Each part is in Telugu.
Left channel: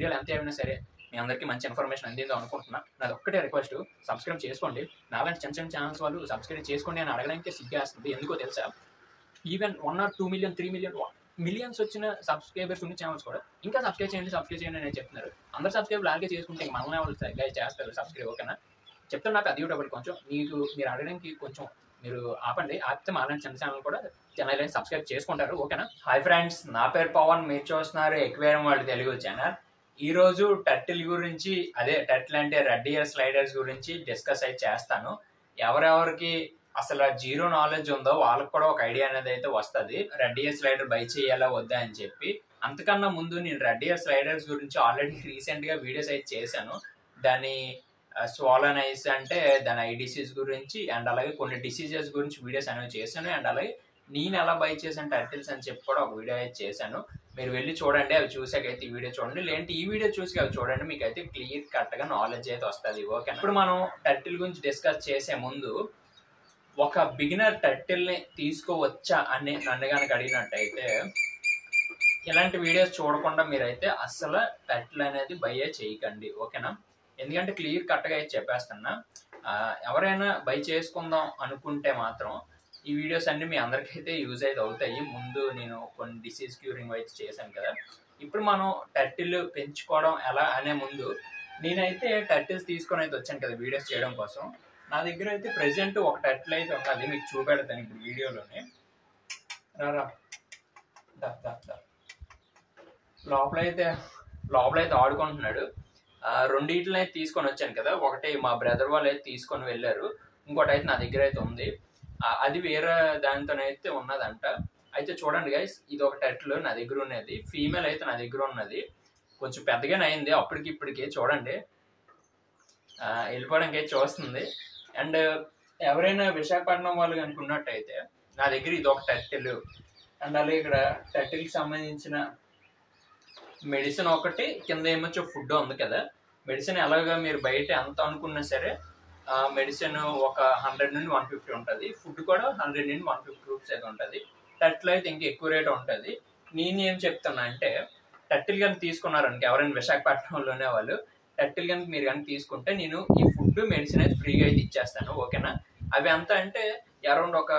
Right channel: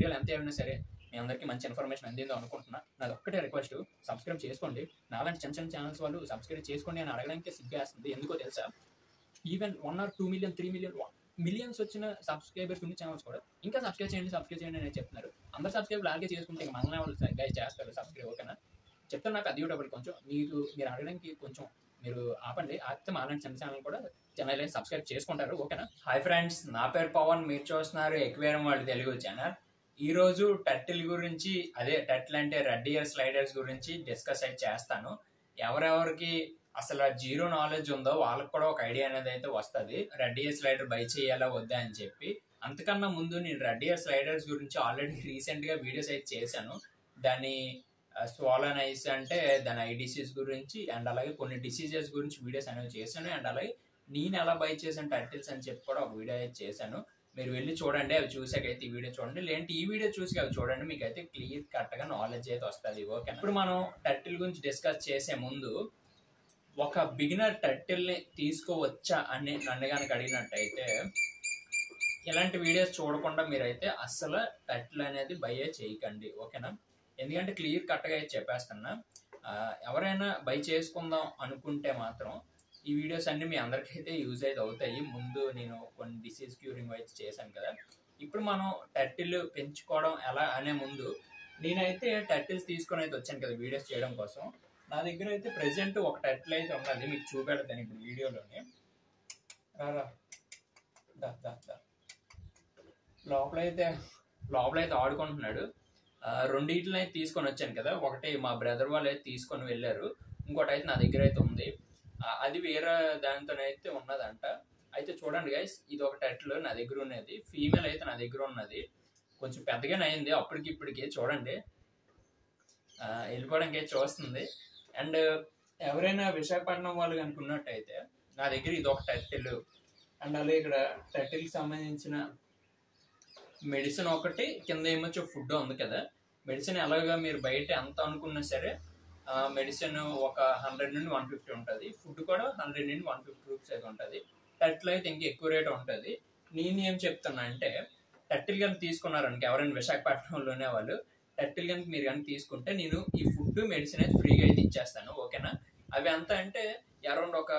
వీడియోలు ఎంత అయినా సరే మీ అందరికీ మంచి ఇన్ఫర్మేషన్ అందిందో అనుకుంటున్నా. నాది ఒక్కటే రిక్వెస్ట్, సబ్స్క్రైబ్ చేసుకోండి. నాలాంటి చిన్న చిన్న ఛానల్స్ వాళ్ళు సబ్స్క్రైబ్ చేసుకోండి అని అడగడానికి సిగ్గేస్తుంది. ఎందుకో తెలుసా, even 1 or 2 million 3 million millions వచ్చిన సబ్స్క్రైబర్స్ ఉన్న ఛానల్స్ కూడా ఇంకా సబ్స్క్రైబ్ చేయండి అని చెప్తున్నారు. అందరు సబ్స్క్రైబ్ లాగే చేసుకుంటే మనల్ని వాళ్ళు చేస్తారు సబ్స్క్రైబ్. ఓకేనా, చెప్తాను. నాకు అది డబుల్ కొంచెం మీరు అడగడానికి కొంచెం మీరు ఆపండి. ఆపితే మాలాంటి చిన్న ఛానల్ కూడా ఛానల్ సబ్స్క్రైబ్ చేసుకుంటారు. ఓకేనా. హాయ్ ఫ్రెండ్స్, నా పేరు పవన్. మీరు చూస్తున్నారు ఎక్వేరియం వరల్డ్ తెలుగు ఛానల్. ఈరోజు టర్టిల్ గురించి, అదే టర్టిల్ అంటే రెడ్ ఇయర్ స్లైడర్స్ గురించి డిస్కస్ అయితే చేస్తాను. ఎవరెవరికి అసలు జీరో నాలెడ్జ్ ఉందో వాళ్ళకి కూడా ఒక ఐడియా అనేది అయితే వస్తుంది, రెడ్ ఇయర్ స్లైడర్ బై చేయాలా వద్దా అని చెప్పి. అంతకన్నా ముందు నేను రెడ్ ఇయర్ స్లైడర్స్ గురించి ఆల్రెడీ రీసెంట్గా వీడియోస్ అయితే చేశాను. దాని స్వాలన్ ఐస్ అంటే దాని ఐ డిసీజ్ గురించి అండ్ అలాగే కొన్ని డిసీజెస్ గురించి వీడియోస్ అనేవి చేశాను. అండ్ అలాగే నేను ఎలా బై చేశాను టర్టిల్స్ అని చెప్పి కూడా ఒక వీడియో అయితే చేశాను. మీరు వెళ్ళి చూడండి, అవి చూసాకైతే ఈ వీడియో చూడండి, లేదంటే ఈ వీడియో చూసి అవి చూడండి, మీకు అయితే క్లియర్ కట్గా నాలెడ్జ్ అయితే వస్తుంది. ఓకే, ఇప్పుడు మనం టర్టిల్ గురించి డిస్కస్ చేసే ముందు ఒక బిగినర్ టర్టిల్ని తీసుకోవచ్చా అని నన్ను కనుక అడిగినట్టయితే ఇలాంటి వీడియోస్ చూడకుండా మీరైతే అస్సలు టర్టిల్ అనేది బై చేయకండి. ఓకేనా, ఎందుకంటే క్లియర్ కట్గా అయితే చెప్పేస్తున్నా. ఎవరైనా బై చేసుకుందాం అనుకుంటే మాత్రం ఈ వీడియోస్ అన్ని మీ అందరికైతే యూజ్ అయితే అవుతాయి. ముందు నేను కొన్ని డిసీజ్ క్యూరింగ్ అయితే చేశాను కదా. ఇప్పుడు మనం టర్టిల్ పెంచుకోవడం ఎలా అనే ముందు నేనైతే టర్టిల్స్ తీసుకొని అయితే వచ్చాను కదా వీడియోస్ చేయడం కోసం. నా దగ్గర అయితే ప్రెసెంట్ ఒక టర్టిల్ అయితే ఉంటుంది, మీకు చూపెడతాను ఇప్పుడు వీడియోలోనే. లోపలైతే ఆడుకుంటున్నాడు. రెండింటిని అయితే తీసుకొని వచ్చాను కదా. ఒకటి మా బ్రదర్ వాళ్ళు అయితే తీసుకొని వెళ్ళారు, ఇంకోటి అయితే నా దగ్గర అయితే ఉంది. అది వేరే దానితోనైతే ఉన్నదంట. అయితే చూడండి గైస్, ఇది ఒక టర్టిల్ నా దగ్గర ఉన్నది, ఫీమేల్ అయితే నా దగ్గర ఉన్నది. కొంచెం పెద్దగానే అయింది అప్పటికి ఇప్పటికి. చూడండి వెళ్ళిపోవడానికి అయితే చూస్తుంది. అండ్ ఎవరైనా విశాఖపట్నం వాళ్ళు కనుకున్నట్టయితే నా దగ్గర ఇది ఒక టర్టిల్. అండ్ అలాగే ఇక్కడ టర్టిల్కి సంబంధించిన మెడిసిన్ ఒకటి, కింద ఏమొచ్చో ఫుడ్ ఉంది కదా. మెడిసిన్ ఎలాగా మీరు బయట ఎంత అనుకున్నా సరే మెడిసిన్ ఒక 100 నుండి 150 ఉంటుంది, ఫుడ్ కూడా 100 నుండి 150 రూపీస్ అయితే ఉంటుంది. టర్టిల్ అయితే ఇంకా ఎక్కువ రేట్ ఉంటుంది. నేను ఏం చెప్తున్నా అంటే, టర్టిల్ కనుక తీసుకున్నారనుకో ఎవరైనా విశాఖపట్నంలోనే వాళ్ళు టర్టిల్ కనుక మీరు కనుక తీసుకుంటే నేను ఈ ఫుడ్ మెడిసిన్ అయితే ఫ్రీగా అయితే ఇచ్చేస్తాను. ఓకేనా, అవి ఎంత అంటే అరౌండ్ ఒక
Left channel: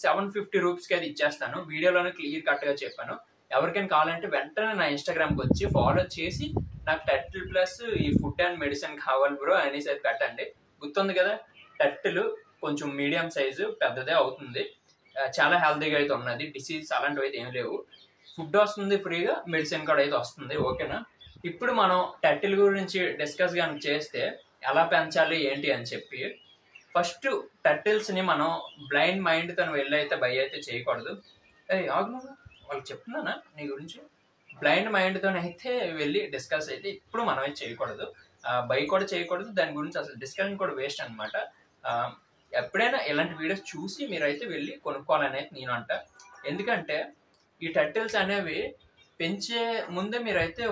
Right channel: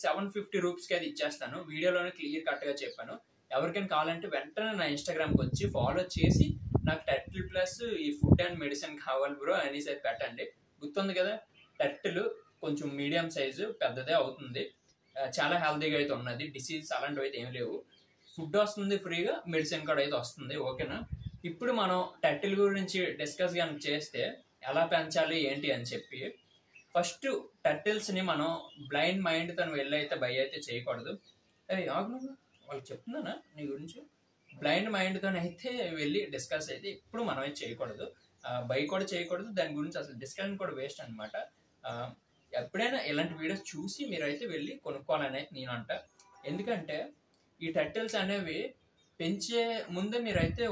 750 రూపీస్కి అయితే ఇచ్చేస్తాను. వీడియోలోనే క్లియర్ కట్గా చెప్పాను. ఎవరికైనా కావాలంటే వెంటనే నా ఇన్స్టాగ్రామ్కి వచ్చి ఫాలో చేసి నాకు టర్టిల్ ప్లస్ ఈ ఫుడ్ అండ్ మెడిసిన్ కావాలి బ్రో అనేసి అయితే పెట్టండి. గుర్తుంది కదా, టర్టిల్ కొంచెం మీడియం సైజు పెద్దదే అవుతుంది, చాలా హెల్తీగా అయితే ఉన్నది, డిసీజ్ అలాంటివి అయితే ఏం లేవు, ఫుడ్ వస్తుంది ఫ్రీగా, మెడిసిన్ కూడా అయితే వస్తుంది. ఓకేనా, ఇప్పుడు మనం టర్టిల్ గురించి డిస్కస్ కనుక చేస్తే ఎలా పెంచాలి ఏంటి అని చెప్పి, ఫస్ట్ టర్టిల్స్ని మనం బ్లైండ్ మైండ్తో వెళ్ళి అయితే బై అయితే చేయకూడదు. ఆగు, వాళ్ళకి చెప్తున్నానా నీ గురించి. బ్లైండ్ మైండ్తో అయితే వెళ్ళి డిస్కస్ అయితే ఇప్పుడు మనం అయితే చేయకూడదు, బై కూడా చేయకూడదు, దాని గురించి అసలు డిస్కషన్ కూడా వేస్ట్ అనమాట. ఎప్పుడైనా ఇలాంటి వీడియోస్ చూసి మీరైతే వెళ్ళి కొనుక్కోవాలని అయితే నేను అంట. ఎందుకంటే ఈ టర్టిల్స్ అనేవి పెంచే ముందే మీరైతే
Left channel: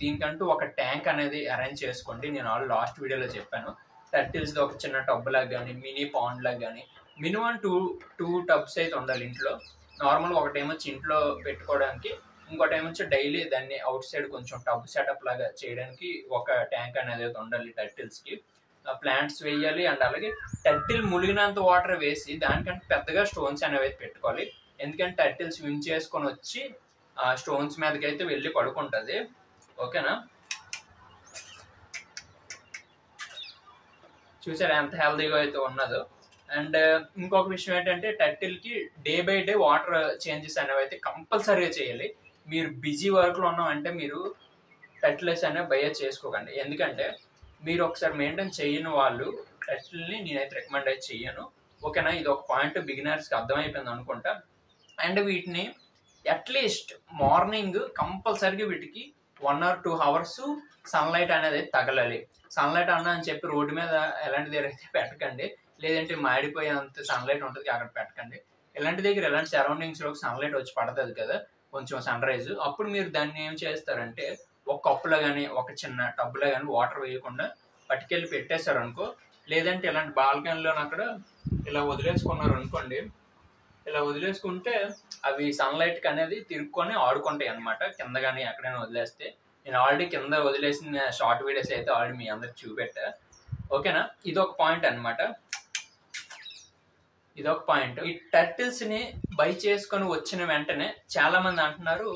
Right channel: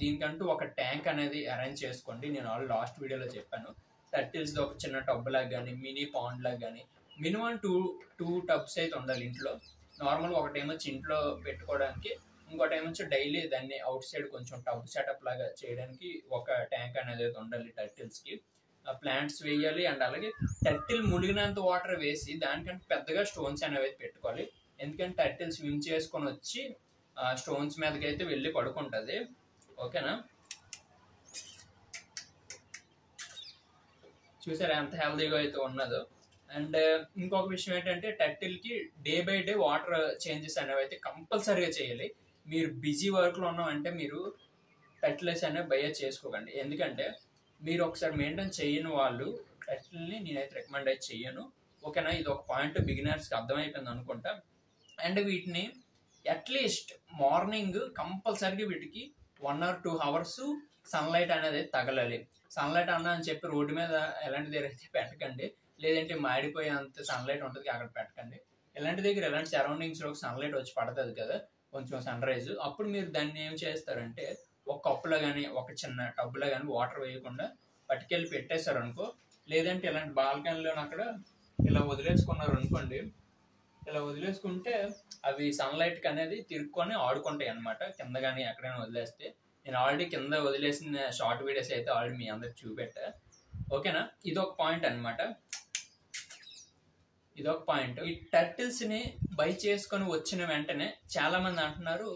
దీనికంటూ ఒక ట్యాంక్ అనేది అరేంజ్ చేసుకోండి. నేను లాస్ట్ వీడియోలో చెప్పాను, టర్టిల్స్ ఒక చిన్న టబ్ లాగా కానీ మినీ పాండ్ లాగా కానీ మినిమం టూ టబ్స్ అయితే ఉండాలి ఇంట్లో. నార్మల్గా ఒకటేమొచ్చి ఇంట్లో పెట్టుకోవడానికి, ఇంకోటి ఏమొచ్చి డైలీ దాన్ని అవుట్ సైడ్ కొంచెం టబ్ సెటప్ లాగా చేయడానికి ఒక ట్యాంక్ అనేది ఉండాలి టర్టిల్స్కి. ప్లాంట్స్ వేయాలి అండ్ అలాగే టర్టిల్ ములిగినంత వాటర్ వేసి దానికంటే పెద్దగా స్టోన్స్ అనేవి అయితే పెట్టుకోవాలి. ఎందుకంటే టర్టిల్ స్విమ్ చేసుకొని వచ్చి స్టోన్స్ మీదకి అయితే వెళ్ళి పడుకుంటుంది. ఓకేనా, చూసారా ఎంత హెల్తీగా అయితే ఉన్నదో. అండ్ ఇంకొక విషయం ఏంటంటే టర్టిల్కి day by day water changes అనేవి అయితే కంపల్సరీగా చేయాలి. మీరు బిజీ వర్క్లో ఉన్నామంటే మీరు టర్టిల్స్ అనేవి బై చేసుకోకండి. ఎందుకంటే మీరు ఒకసారి మెయింటైన్ చేయని వాళ్ళు టర్టిల్ని నేనైతే రికమెండ్ అయితే చెయ్యను. ఓకేనా, ఇది ఒక పాయింట్ బిగినర్స్కి అర్థమైపోయింది అనుకుంటా. అండ్ వీటిని అట్లీస్ట్ మార్నింగ్ కంపల్సరీగా వీటికి 1 or 2 hours సన్లైట్ అనేది తగలాలి. సన్లైట్ అన్నా అని చెప్పి రోడ్డు మీద ఎలాంటి దగ్గర అయితే పెట్టకండి, లేదంటే మాడిపోయేంత సన్లైట్ ఉంటుంది అక్కడ పెట్టకండి. ఇలాంటి దగ్గర ఎలాంటి సరౌండింగ్స్లో సన్లైట్ వచ్చి పడుతుంది కదా కొంచెం సన్ రైజ్, అప్పుడు మీరు దాన్ని ఏం చేస్తారంటే ఒక కప్పులో కానీ ఒక చిన్న టబ్లో కానీ వాటర్ వేయకుండా పట్టుకెళ్ళి పెట్టేశారు అనుకో, లేదంటే ఇలాంటి బాల్కనీలో అక్కడ ఇలా వదిలేసుకున్నారు అనుకోండి, ఇలా వదిలేసుకుంటే అవి సన్లైట్కి అనేది తిరుక్కొని ఆడుకుంటాయి అనమాట. కింద కానీ ఎక్కడైనా వదిలేస్తే నేను ఆల్రెడీ కింద వదిలేసిన షార్ట్ వీడియోస్ అయితే ఆల్రెడీ మీ అందరికి చూపెట్టా. ఓకేనా, ఇదొక పాయింట్ అనమాట. ఇదొక పాయింట్. ఈ టర్టిల్స్ని బై చేసుకొని వచ్చిన వెంటనే చాలా మంది అంటున్నారు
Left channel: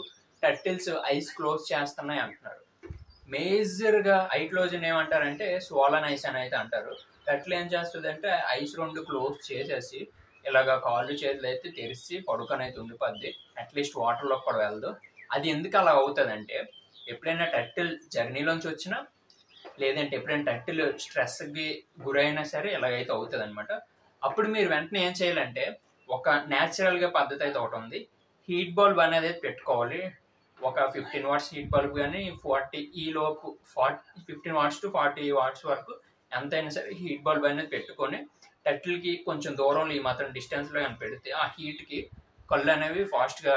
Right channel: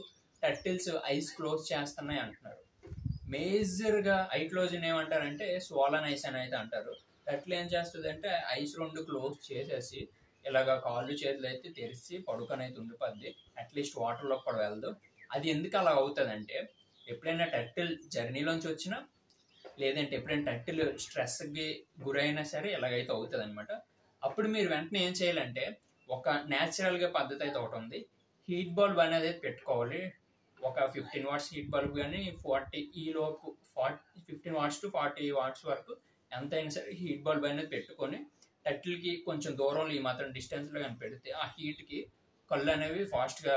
టర్టిల్స్ ఐస్ క్లోజ్ చేస్తున్నాయి అంటున్నారు. మేజర్గా ఐ క్లోజ్ ఏమంటారంటే స్వాలన్ ఐస్ అని అయితే అంటారు. టర్టిల్ ఏం చేస్తుంది అంటే ఐస్ 2 క్లోజ్ చేసేసి ఇలాగ కాళ్ళు చేతులు అయితే తెరిచి పడుకొని అయితే ఉండిపోద్ది. అట్లీస్ట్ వాటర్లోకి కూడా వెళ్ళదు. అది ఎందుకు అలా అవుతుంది అంటే ఎప్పుడైనా టర్టిల్ జర్నీలోంచి వచ్చినా లేదంటే ఎప్పుడైనా టర్టిల్ స్ట్రెస్కి గురైనా సరే ఇలాగైతే అవుతుంది అనమాట. అప్పుడు మీరు వెంటనే ఏం చేయాలంటే ఒక న్యాచురల్గా పద్ధతి అయితే ఒకటి ఉంది. హీట్ బల్బ్ అనేది పెట్టుకోవాలి. ఒక 15 వాట్స్ హీట్ బల్బ్ కానీ 40 ఈలోపు 15 వాట్స్ టు 40 వాట్స్ వరకు ఎంతైనా సరే హీట్ బల్బ్ అనేది పెట్టుకొని టర్టిల్కి కొంచెం దూరంలో ఈ మాత్రం డిస్టెన్స్లో కానీ పెడితే ఆ హీట్కి కళ్ళు అనేవి ఫాస్ట్గా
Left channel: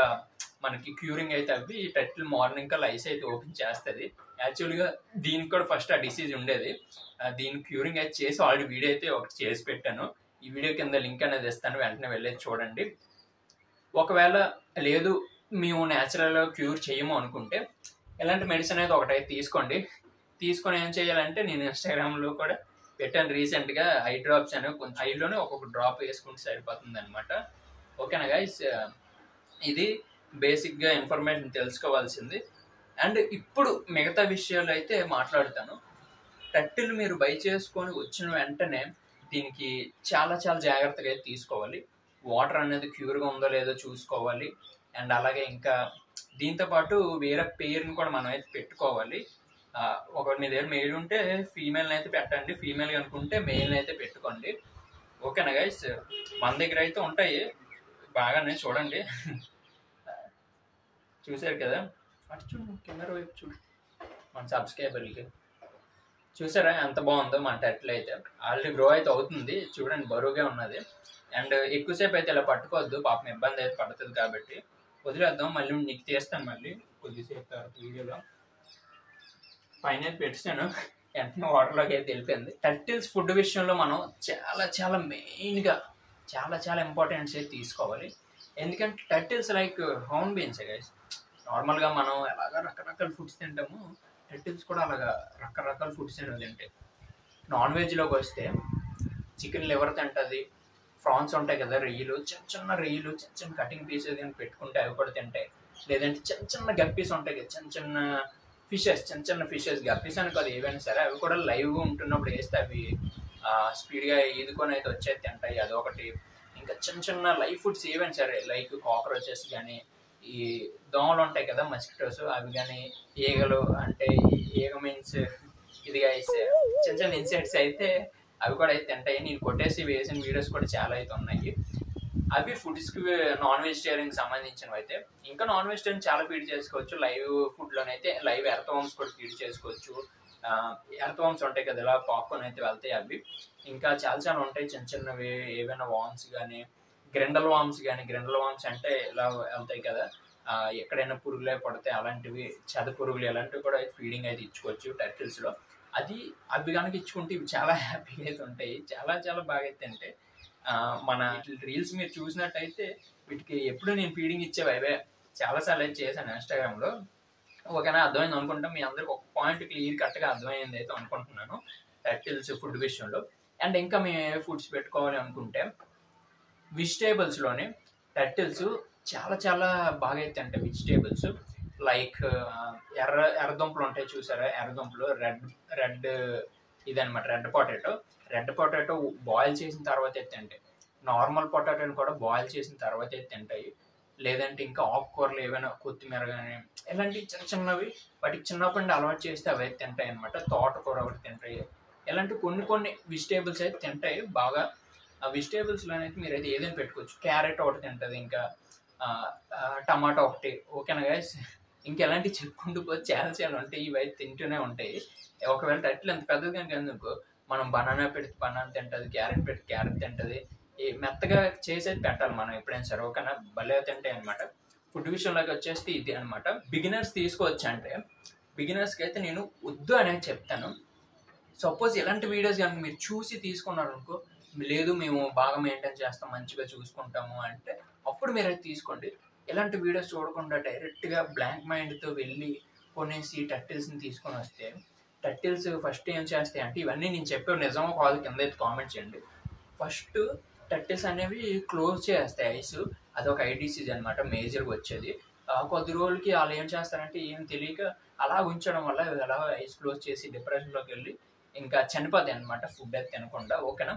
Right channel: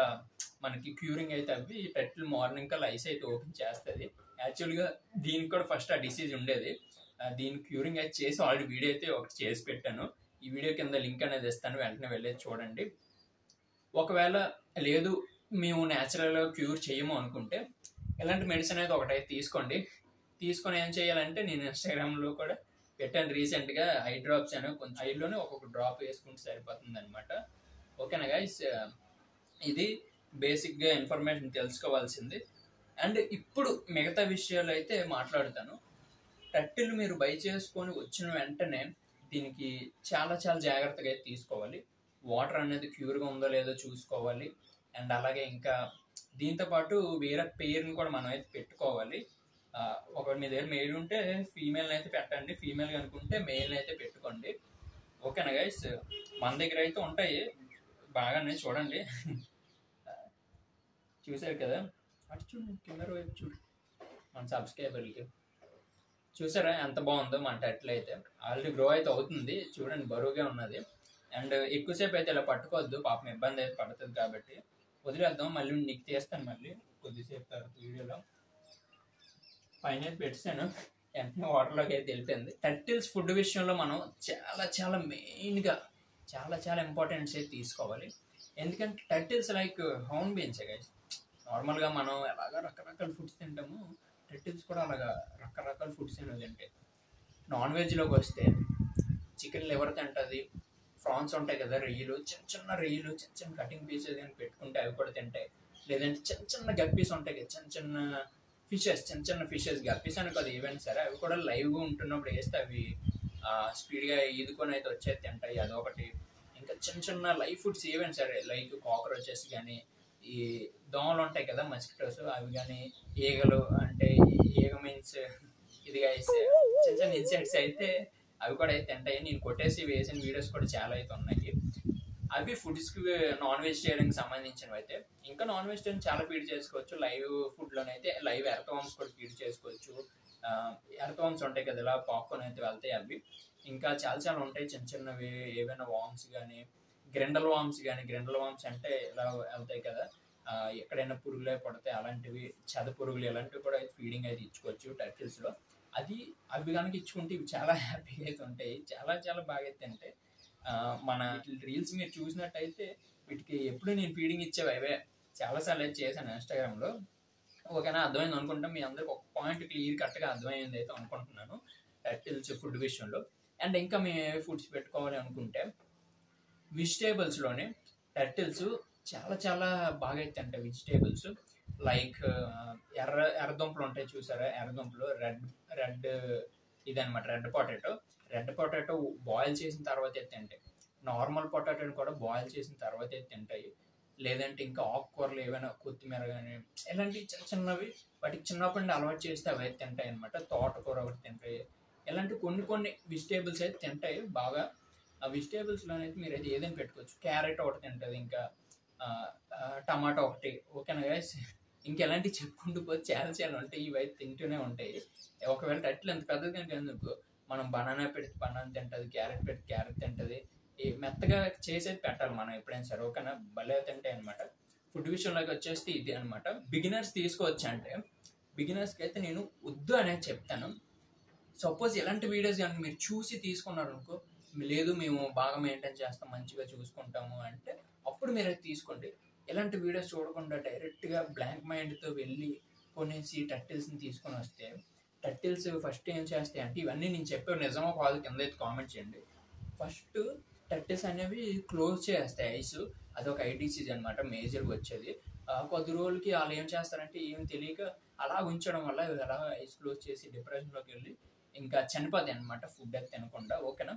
మనకి క్యూరింగ్ అయితే అవి టర్టిల్ మార్నింగ్ కల్లా ఐస్ అయితే ఓపెన్ చేస్తుంది. యాక్చువల్గా దీనికి కూడా ఫస్ట్ ఆ డిసీజ్ ఉండేది. దీని క్యూరింగ్ అయితే చేసి ఆల్రెడీ వీడియో అయితే ఒకటి చేసి పెట్టాను. ఈ వీడియో కింద లింక్ అనేది ఇస్తాను, వెంటనే వెళ్ళేది చూడండి. ఒకవేళ లేదు మేము న్యాచురల్గా క్యూర్ చేయము అనుకుంటే ఇలాంటి మెడిసిన్ అయితే ఒకటైతే తీసుకొని ఏం చేయాలంటే నేను ఇన్స్టాగ్రామ్లో కూడా పెట్టాను రీసెంట్గా. ఐ డ్రాప్స్ అనేవి కొంచెం ఐలోనే ఒక్కొక్క డ్రాప్ వేసుకుంటే సరిపోతుంది అనమాట. ఓకేనా గైస్, ఇది బేసిక్గా ఇన్ఫర్మేషన్ తెలుసుకోవాల్సింది. అండ్ ఇప్పుడు మిగతా విషయాలు అయితే మాట్లాడతాను. టర్టిల్ మీరు బై చేసుకొని వచ్చిన వెంటనే దీనికి చాలా చాలా జాగ్రత్తగా అయితే తీసుకోవాలి. వాటర్ అనేది క్యూర్గా ఉందో లేదో చూసుకోవాలి. అండ్ అలాగే ఇంకా దీంతోపాటు వేరే పేరుని కూడా మనం అయితే పెట్టుకోవాలి. ఒకవేళ మీ దగ్గర మేల్ ఉంటే ఫీమేల్ని అయితే పెట్టండి, ఫీమేల్ అనుకుంటే మేల్ని అయితే పెట్టుకోండి. ఓకేనా గైస్, మన దగ్గర అయితే ఉంటాయి బాగానే చూడండి. చూసారు కదా, అటు చూడు కెమెరా వైపు చూడు మన సబ్స్క్రైబర్లకి. చూసారా ఎంత బాగుందో మన టర్టిల్ అయితే. ఆల్రెడీ గ్రో అయితే అవుతుంది చూడండి, బరువుగా ఉన్నది. అండ్ ఎక్కువసేపు అయితే ఇలా పట్టుకోవద్దు, పాపం ఇబ్బంది అయితే పడుతుంది కాబట్టి వదిలేద్దాం. మళ్ళీ నీకు తీస్తాను మళ్ళీ కొద్దిసేపు తర్వాత వీడియోలో. పైన అయితే పెట్టాను, వెంటనే వాటర్లోకి అయితే వెళ్ళిపోయింది. టర్టిల్స్ ఫుడ్ విషయంలో మనం చాలా చాలా మెయిన్గా చాలా ఇంపార్టెంట్స్ అయితే తీసుకోవాలి. ఎందుకంటే టర్టిల్స్ లైక్ హౌన్ బీన్స్ గైస్. నార్మల్గా మనం ఎలాగ రకరకాల ఫుడ్స్ తింటాము, టర్టిల్స్ కూడా అలాగా రకరకాల ఫుడ్స్ అనేవి తింటాయి. నాన్ వెజ్లోకి వస్తే చికెన్ లివర్ తింటుంది, ఫ్రాన్స్ ఉంటాయి కదా రొయ్యలు, చిన్న రొయ్యలు చిన్న కటింగ్ పీసెస్ కానీ పెట్టుకుంటే అవి కూడా తింటాయి. లేదంటే చిన్న గప్పీస్ ఉంటాయి కదా, చిన్న ఫిషెస్ గప్పీస్ అని కాదు ఏవైనా సరే, అవి కూడా లైవ్గా ఉంటున్నప్పుడు వేస్తే అవి స్పీడ్గా ఈదుకొని అయితే వచ్చేది తింటాయి. అదొకటి. ఇంకా చిన్న లైవ్ ఫుడ్స్ ఏవైనా సరే లైక్ కాక్రోచెస్ కానీ, ఈ దోమలు ఉంటాయి కదా మస్కిటోస్, అవి కానీ, ఈగలు అంటే ఈగ మీన్స్ ఇదిగా వేస్తే చిన్న ఇన్సెక్ట్స్ అయితే అవి కూడా అయితే తింటాయి. నేను కొట్టేసి వేసిన వీడియోస్ కూడా చాలా అయితే ఉన్నాయి. అవి ఫుడ్స్కి నాన్ వెజిటేరియన్కి సంబంధించినవి అయితే. ఇంకా నాన్ వెజిటేరియన్ చాలా ఫీడ్ చేసుకోవచ్చు. లైవ్ ఫుడ్లోనైతే లైవ్ ఎర్త్వామ్స్ కూడా ఫీడ్ చేసుకోవచ్చు. ఎర్త్వామ్స్ ఉంటాయి కదా ఇలా పాప్కార్న్ అయితే వెళ్తాయి అవి. ఇంకా చాలా ఉంటాయి చిన్నవి ఏవైనా వామ్స్ కానీ, గ్రిండల్ వామ్స్ అంటే ఇలా వెళ్తాయి కదా, ఎక్కడైనా పురుగులే పడితే అలాంటివి, చెద పురుగులు ఇలాంటివి కూడా ఫీడింగ్ అయితే ఇచ్చుకోవచ్చు టర్టిల్స్లో. అవి కనుక ఇచ్చుకుంటే ఇవి చాలా హ్యాపీగా అయితే ఉంటాయి, చాలా బాగా అయితే ఉంటాయి. మన రీల్స్ మీరు చూసినట్టయితే వీటికి ఎప్పుడు నేను ఫీడింగ్ ఇచ్చేవి అవే చాలాసార్లు అయితే చేశాను ఇన్స్టాగ్రామ్లో. ఓకేనా, అర్థమైంది అనుకుంటాం. మీ అందరికి ఒక పాయింట్ క్లియర్ కట్గా అర్థమైంది అయితే అనుకుంటున్నాను టర్టిల్స్ ఫుడ్ విషయంలో. అండ్ ఇంకా మేము ఏ ఫుడ్స్ పెట్టుకోవాలి అనుకుంటే వెజిటేబుల్స్లోనే టర్టిల్స్ చాలా బాగా అయితే ఉంటాయి. వెజిటేబుల్స్ లైక్ ఎర్రదుంపలు ఉంటాయి చూసారా, ఎర్రదుంపలు రెడ్ ఇదనమాట రెడ్ పొటాటో బాయిల్ చేసిన తర్వాత అయితే తింటాయి. నార్మల్ పొటాటోని కూడా బాయిల్ చేసిన తర్వాత అయితే తింటాయి. లేదంటే ఇంకా ఆకుకూరలు ఏవైనా కొత్తిమీర కానీ ఇలాంటి చిన్నవి వాటికి చిన్నప్పటి నుండి అలవాటు చేస్తే అవి అయితే తింటాయి అనమాట. తోటకూర ఒకటి తింటాయి. ఇలాంటి కొన్ని వెజిటేబుల్స్ అయితే తింటాయి బాగా. ఆ వెజిటేబుల్స్లో అయితే మీరు అయితే ఏదైనా పెట్టుకోవచ్చు. క్యారెట్ ఒకటి తింటుంది, ఇంకా టమాటో ఒకటి. ఓకేనా గైస్, ఇంకా ఎలాంటివి చెప్పుకుంటూ పోతే చాలా ఉంటాయి. ఇవి అయితే తింటూనే ఉంటాయి. ఒకవేళ టర్టిల్ ఎంత పెద్దది కనుక ఎందుకు మనం బనానా పెడితే బనానా తింటుంది, క్యారెట్ పెడితే క్యారెట్ తింటుంది. మెత్తగా చేసేది పెట్టాలి మనం ఎప్పుడైనా సరే. ఓకేనా, భలే తింటాయి అనమాట. ఫుడ్ విషయంలోకి వచ్చేస్తే ఇది అనమాట. బిగినర్స్ తీసుకోవచ్చు అంటే బిగినర్స్కి అయితే నేను వద్దు అనేది చెప్తాను. సపోజ్ ఇలాంటి వీడియోస్ కనుక మీరు చూసి తీసుకున్నారు అనుకో, లేదు మేము బాగా మెయింటైన్ చేస్తాం మంచిగా చూసుకుంటాము అంటే అప్పుడు మీరు అయితే తీసుకోండి. ఇలాంటి వీడియోస్ చూడకుండా డైరెక్ట్గా బ్లాంక్ మైండ్తో వెళ్ళి కొనేసి టర్టిల్స్ని తీసుకొని వస్తే టర్టిల్స్ ఫస్ట్ ఏం చేస్తాయి అంటే, ఇవన్నీ నేను చెప్పే నిజమో కాదు కింద అయితే కామెంట్ చేయండి. ఫస్ట్ టర్టిల్స్ అనేవి క్లోజ్ చేస్తాయి ఐస్. అదొక ఐ డిసీజ్ అనమాట మేజర్గా వచ్చేది. కొద్ది రోజులకి వాళ్ళు ఏం చేస్తారంటే ఏం తెలియక అలా ఉంచడం వల్ల అలా ఐస్ క్లోజ్ చేసి డిప్రెషన్లోకి వెళ్ళి ఇంకా చనిపోతాయి అనమాట ఫుడ్ అయితే తినకుండా. ఓకేనా.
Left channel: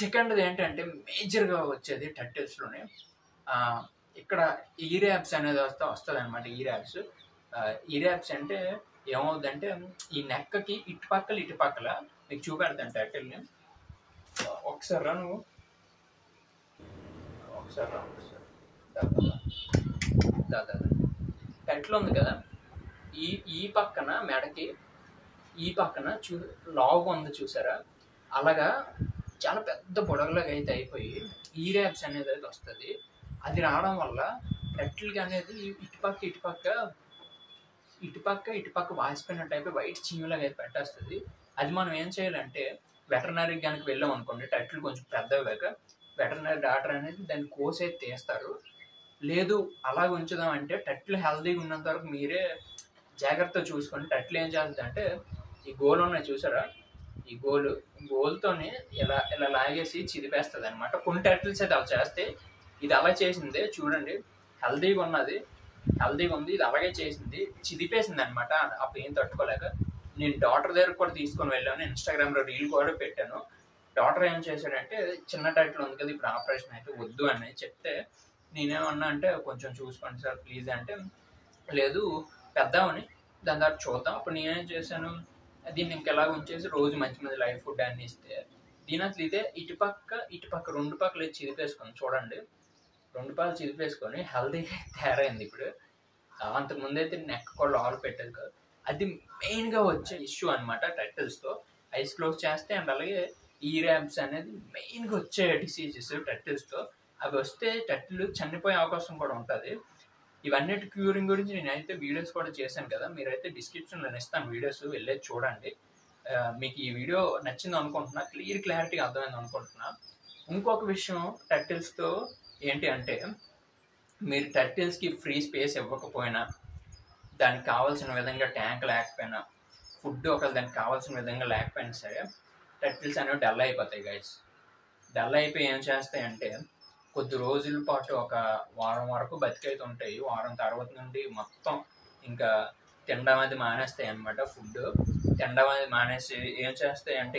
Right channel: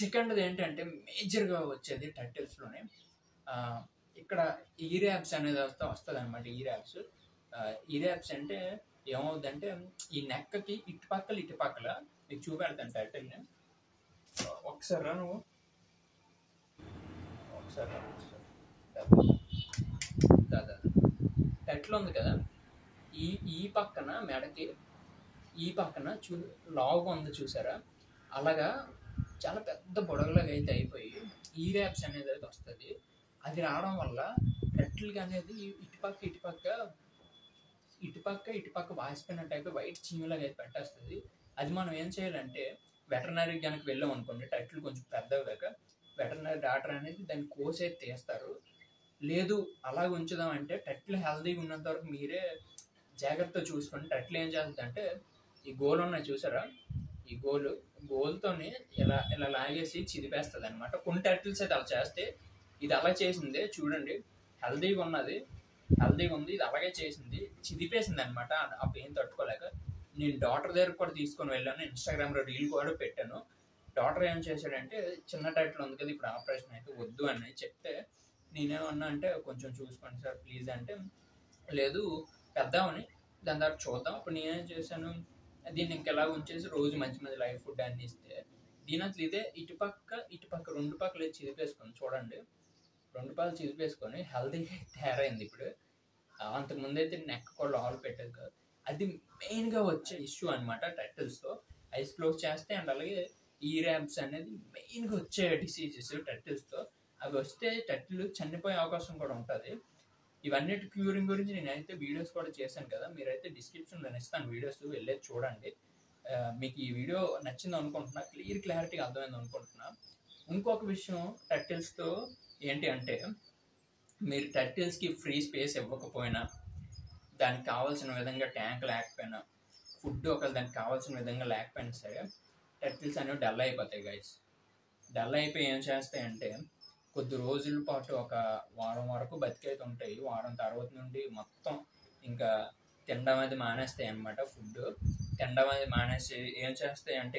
సెకండ్ది ఏంటంటే మేజర్గా వచ్చేది టర్టిల్స్లోనే ఇక్కడ ఈరాబ్స్ అనేది వస్తుంది అనమాట. ఈరాబ్స్ అంటే ఏమవుతుందంటే ఈ నెక్కకి ఇటుపక్కల మీకు చూపెడతాను టర్టిల్ని. ఒకసారి రా నువ్వు, ఒకసారి రా. టర్టిల్ ఉంది కదా, ఈ పక్కన మెడకి ఈ పక్కన లాగు ఉంది చూసారా, అలాగా చాలా పెద్ద బుడగలాగా అయితే అయిపోయి ఈరాబ్స్ అనేది అయితే వస్తుంది. అది రావడం వల్ల టర్టిల్కి అనేది ఇటుపక్క వాసిపోయినట్టు అయిపోయి వైట్ చీమలాగా అయితే పెట్టేస్తుంది. అది మనం ఏం చేయాలంటే వెటర్నరీకి కనుక వెళ్ళాం అనుకోండి, టర్టిల్ కొంచెం పెద్దవాక వెటర్నరీ డాక్టర్ అనేది దాన్ని కోసి అయితే తీస్తారు. లేదు అలా ఉంచుదాం అంటే టర్టిల్ హెల్తీగా ఉన్నంత వరకు మీరే జాగ్రత్తగా చూసుకోండి. టర్టిల్ ఏం చేస్తుంది అంటే ఈ గోలు ఉన్నాయి చూసారా, ఈ గోలుతోనే ఇలా లాగేసి చిదిపేస్తుంది అనమాట. కొన్ని టర్టిల్స్ అయితే అలా చేస్తే, ఇది అలా చేసిందే చూడండి, హెల్తీగా ఉంది, ఇది అలాగే చేసింది, చిదిపేసింది అనమాట. ఆ పెయిన్ తట్టుకోలేక నేను డాక్టర్ దగ్గర కూడా తీసుకొని వెళ్ళాను, ఇన్స్టాగ్రామ్లో రీల్ కూడా పెట్టాను. డాక్టర్ ఏం చేశాడంటే చిన్న టర్టిల్ ఉంది కదా, ఇప్పుడు ఆపరేషన్ అయితే వద్దు అని చెప్తే నేనేమన్నా అంటే కొంచెం చూసుకోండి సార్ ప్లీజ్ అంటే, లేదు పెద్దామని దాని తర్వాత చూద్దాం. అప్పుడు నేనేం చేశాను, దీన్ని ఇంకెలా ఉంచేసి రోజు మంచి లైఫ్ ఫుడ్ అన్ని ఇస్తే దీని అసలు ఇదే ఇటుపక్క రెండు పక్కలు చిదిపేసుకొని చూడండి, రెండు పక్కలు చిదిపేసుకొని హెల్తీగా తయారైంది. ఇప్పుడు అంతకుముందు అయితే నెక్ కూడా ఆల్ పెట్టేది కాదు. అది మెయిన్గా వచ్చే ఇష్యూ అనమాట టర్టిల్స్తో. ఐస్ క్లోజ్ చేస్తే అండ్ అలాగే ఈరాబ్స్ అనేది మెయిన్గా వచ్చే డిసీజెస్ టర్టిల్స్తో. అవి వస్తే టర్టిల్ చనిపోయే అవకాశం కూడా ఉంటుంది. ఇవన్నిటి క్యూరింగ్ గురించి నేనైతే వీడియోస్ కూడా చేశాను కదా, మీరైతే డిస్క్రిప్షన్లో ఇస్తాను వీడియోస్, వెళ్ళేది చూడండి. మీకు ఈ వీడియో నచ్చింది అనుకుంటున్నా, క్లారిటీగా అర్థమైంది అనుకుంటున్నా. ఇంకొక విషయం టర్టిల్స్తో ఏంటి అంటే, మీరు టర్టిల్స్కి ఫ్రీ స్పేస్ ఇవ్వకపోయినా, దానికి కావాల్సిన విధంగా ట్యాంక్ లేకపోయినా, ఫుడ్ ఒకవేళ దానికి కావాల్సిన విధంగా లేకపోయినా సరే టర్టిల్స్ అనేవి డల్ అయిపోతాయి గైస్. డల్ అయిపోయి ఏం చేస్తాయంటే కొద్ది రోజుల పాటు ఒక వారం వరకు బతికైతే ఉంటాయి. వారం తర్వాత నుండి మొత్తం ఇంకా తినడం అది మానేస్తాయి అన్నమాట. ఫుడ్ తినడం అది మానేసి ఏం చేస్తాయి అంటే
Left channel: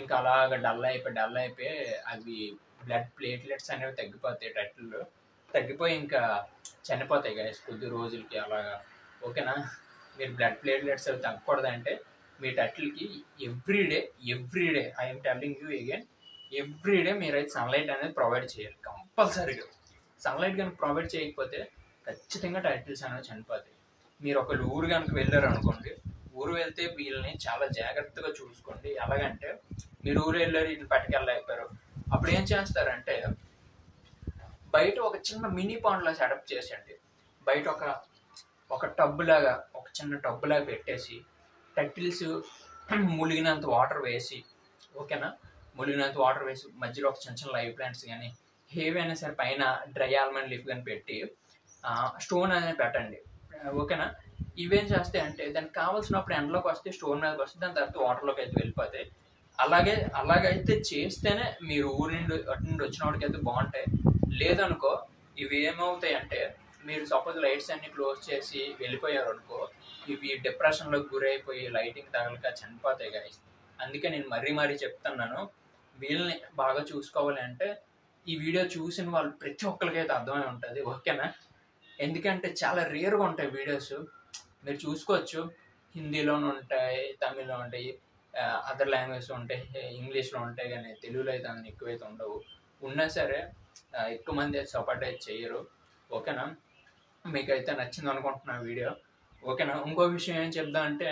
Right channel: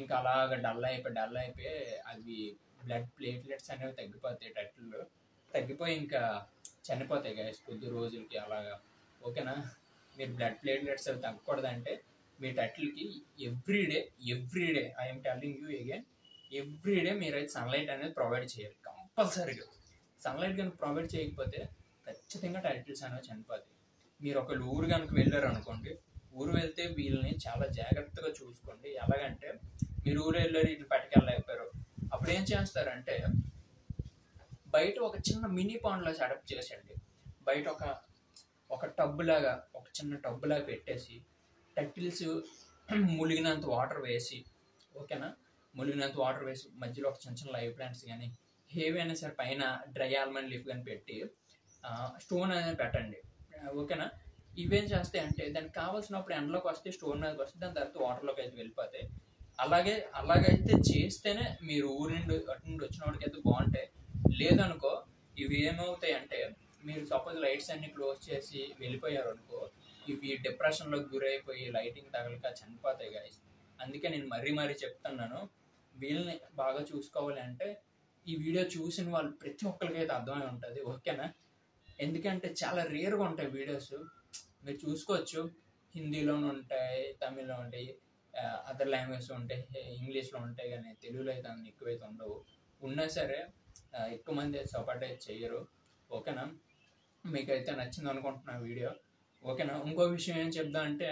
ఇంకా అలాగ డల్ అయిపోయి అవి బ్లడ్ ప్లేట్లెట్స్ అనేవి తగ్గిపోతాయి, టర్టిల్ తగ్గిపోయి ఇంకా చనిపోతాయి గైస్ కొద్ది రోజులకి అలాగా. ఓకేనా. మీరు బ్లడ్ ప్లేట్లెట్స్ అవి తగ్గకూడదంటే మీ టర్టిల్కి everyday I'm telling you again, everyday మీరైతే సన్లైట్ అనేది ప్రొవైడ్ చేయాలి కంపల్సరీగా. సన్లైట్ కనుక ప్రొవైడ్ చేయకపోతే ఖచ్చితంగా టర్టిల్స్ అనేవి చనిపోతాయి. మీరు ఒక ఊరు కనుక వెళ్ళారు అనుకోండి, ఊరు వెళ్తే వీళ్ళని చాలా జాగ్రత్తగా చూసుకోండి. ఎలాగంటే మీరు ఊరు వెళ్ళారు, వీటిని పట్టుకెళ్ళలేకపోయారు, అప్పుడు ఏం చేస్తారంటే బయట ఒక చిన్న మినీ పాండ్లా సెటప్ చేసండి. బయట ఒక టబ్బులాగా, ఒక చిన్న టబ్బులాగా పెట్టేసి టర్టిల్స్ ములిగినంత వాటర్ వేసి, ఓకేనా, ములిగినంత వాటర్ వేసి మధ్యలో ఒక చిన్న లైవ్ ప్లాంట్స్ కానీ ఏవైనా సరే పైన డ్రై ఆల్మండ్ లీఫ్ కానీ పెట్టి స్టోన్ అనేది పెట్టండి. ఓకేనా. ఇవేం చేస్తాయి అంటే దానికి కావాల్సినప్పుడు ఎండలోకి వస్తే స్టోన్ మీదకి వస్తే దాని తర్వాత వాటర్లోకి అయితే వెళ్ళిపోతాయి. అలాగైతే చేస్తేనే మీరు ఊరి నుండి వచ్చిన వాడికి అయితే బాగుంటాయి. లేదనుకో ఇవి ఏమవుతాయి అంటే, మీరు సపోజ్ లైట్స్ అన్ని క్లోజ్ చేసి వెళ్ళిపోయారు అనుకో, ఇవి డిప్రెషన్లోకి గురైపోయి లైటింగ్ తగలక చనిపోతాయి గైస్. అందుకే నేను మరీ చెప్తున్నాను, వీళ్ళని బాగా చూసుకోవాలి అంటే ఈ వీడియో చూసిన వాళ్ళు ప్రతి ఒక్కరికైతే అర్థమై ఉంటుంది. ఓకేనా. ఎందుకంటే చాలా రేర్గా ఉంటాయి వీడియోస్, మీరు చూసుకోవచ్చు. హిందీలోనూ ఉంటాయి, తమిళ్లో ఉంటాయి, అదర్ లాంగ్వేజ్ ఉంటాయి, ఇంగ్లీష్లో ఉంటాయి, కానీ తెలుగులో అయితే అన్ని ఎక్కువైతే ఉండవు. ఉన్నా సరే ఎక్కువ మంది సపోర్ట్ అయితే చేయరు. ఓకేనా. మీకైతే నచ్చింది అనుకుంటున్నా వీడియో. ఓకేనా. ఇంకో విషయం ఏం చెప్దాం అంటే,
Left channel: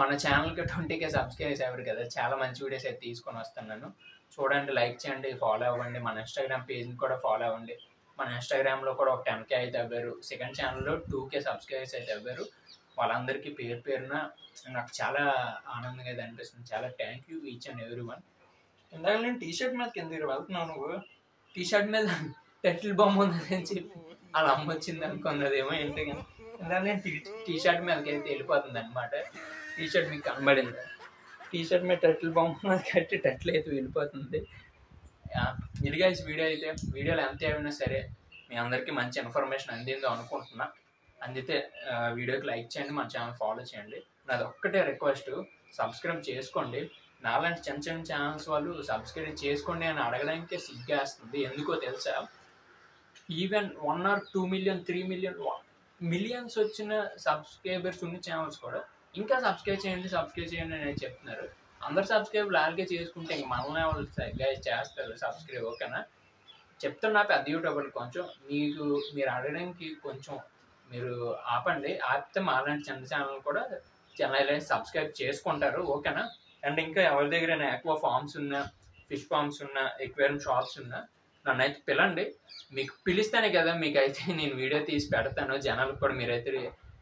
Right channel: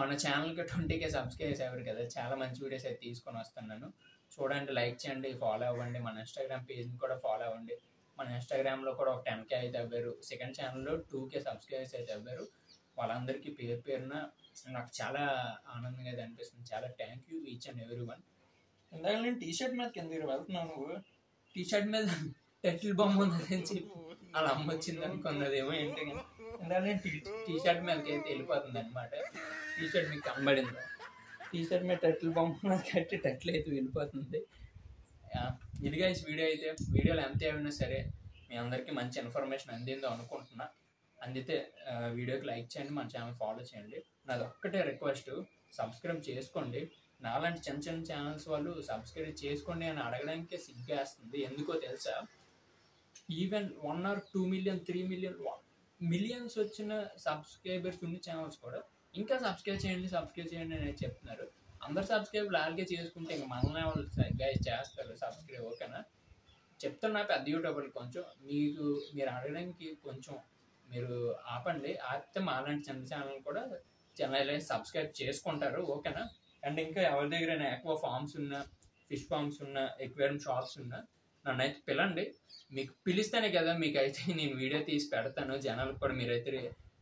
మన ఛానల్కి 20K సబ్స్క్రైబర్స్ అవ్వరు కదా, చాలా మంచి వీడియోస్ అయితే తీసుకొని వస్తున్నాను. చూడండి, లైక్ చేయండి, ఫాలో అవ్వండి. మన ఇన్స్టాగ్రామ్ పేజ్ని కూడా ఫాలో అవ్వండి. మన ఇన్స్టాగ్రామ్లో కూడా ఒక 10K అయితే అవ్వారు. సెకండ్ ఛానల్లో 2K సబ్స్క్రైబర్స్ అయితే అవ్వారు. వాళ్ళందరికీ పేరున నాకు చాలా ఆనందంగా అయితే అనిపిస్తుంది. చాలా thank you each and every one. ఇందాక నేను టీషర్ట్ మీద కింద వెళ్తున్నావు, నువ్వు టీషర్ట్ మీద టైటిల్ బొమ్మ ఉన్నదని చెప్పి వాళ్ళ అమ్మ వచ్చింది అనుకున్నదేమో ఏంటి కానీ అలానే టీ షర్ట్ మీదకి అయితే వెళ్ళిపోతుంది అనమాట. టీ షర్ట్ మీకు కనబడింది, టీ షర్ట్ మీద టైటిల్ బొమ్మ కట్టి టైటిల్ అయితే వెళ్ళిపోతుంది. ఇది గైస్ వీడియో అయితే, వీడియోలో ఎంత ఏమైనా సరే మీ అందరికీ మంచి ఇన్ఫర్మేషన్ అందిందో అనుకుంటున్నా. అందితే వీడియోకి లైక్ చేయండి, మన ఛానల్ ఫాలో చేయండి. నాది ఒక్కటే రిక్వెస్ట్, సబ్స్క్రైబ్ చేసుకోండి. నాలాంటి చిన్న చిన్న ఛానల్స్ వాళ్ళు సబ్స్క్రైబ్ చేసుకోండి అని అడగడానికే సిగ్గేస్తుంది. ఎందుకో తెలుసా, even 1 or 2 million 3 million millions వచ్చిన సబ్స్క్రైబర్స్ ఉన్న ఛానల్స్ కూడా ఇంకా సబ్స్క్రైబ్ చేయండి అనేది చెప్తున్నారు. అందరు సబ్స్క్రైబ్ లాగే చేసుకుంటే ఇంక మనల్ని వాళ్ళు గైస్ చేస్తారు సబ్స్క్రైబ్. ఓకేనా, చెప్తున్నా పెద్ద యూట్యూబర్లు కొంచెం మీరు అడగడానికి కొంచెం మీరు ఆపండి. ఆపితే మాలాంటి చిన్న ఛానల్ కూడా ఛానల్ సబ్స్క్రైబ్ చేసుకుంటారు. ఓకేనా, అండ్ ఇంకా ఎవరి దగ్గర ఆక్వా ఫార్మ్స్ ఉన్నా, ఫిష్ ఫార్మ్స్ ఉన్నా, ఎక్వేరియం షాప్స్ ఉన్నా నన్ను అయితే పిలండి. మీకు పిలిస్తేనే కదా మీకైతే నేను వీడియో తీసి పెడతాను, జనాలకు కూడా మీరైతే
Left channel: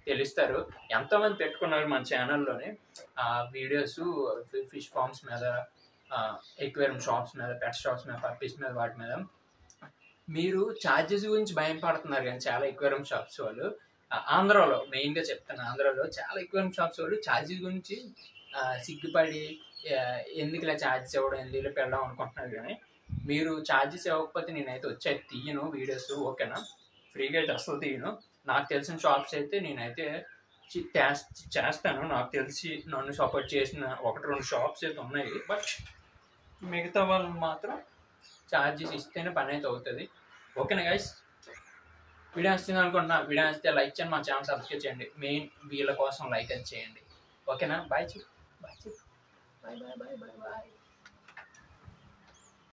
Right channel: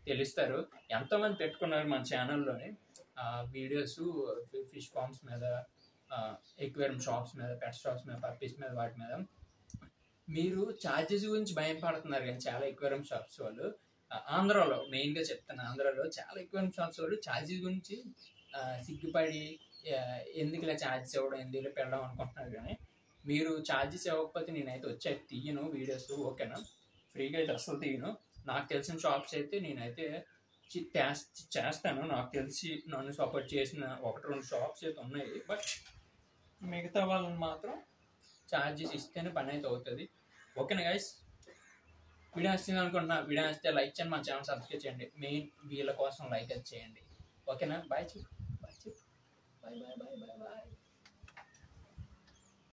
తెలుస్తారు. ఎంతోమంది పెట్టుకున్నారు మన ఛానల్లోనే ఆ వీడియోస్ ఫిష్ ఫార్మ్స్ మీద, ఎక్వేరియం షాప్స్ మీద, పెట్ షాప్స్ మీద, పప్పీస్ మీద, వాటి మీద. మీరు ఛార్జెస్ గురించి భయం పడుతున్నారు కానీ చాలా ఎక్వేరియం షాప్స్ వాళ్ళు ఆంధ్రాలో, మెయిన్గా చెప్తాను, ఆంధ్రాలో చాలా ఎక్వేరియం షాప్స్ వాళ్ళు ఛార్జెస్ గురించి సిగ్గుపడి ఎందుకు ఇలా ఛార్జెస్ ఇవ్వడం, ఎందుకు ఇలా పెడదాం అనుకుంటున్నారు. కానీ మీరు ఛార్జెస్ ఇవ్వకపోతే నేనైతే వచ్చేది తీయను వీడియోస్. ఓకేనా, ఫ్రీగా అయితే అసలు తీయను. నాకు తెలిసిన షాప్స్ అయితే నేనైతే చేస్తాను. నాకు తెలిసి నన్ను సపోర్ట్ చేసిన 1-2 షాప్స్ అయితే ఉన్నాయి. బట్ మిగతా వాళ్ళని మాత్రం ఛార్జెస్ ఇస్తేనే పని అయితే అవుతుంది. ఓకేనా గైస్, వీడియో వస్తుంది అనుకుంటున్నా. వీడియో వస్తే లైక్ చేయండి, మా ఛానల్ సబ్స్క్రైబ్ చేయండి. మెయిన్ వీళ్ళ కోసం లైక్ అది చేయండి. ఓకేనా, bye bye bye bye bye.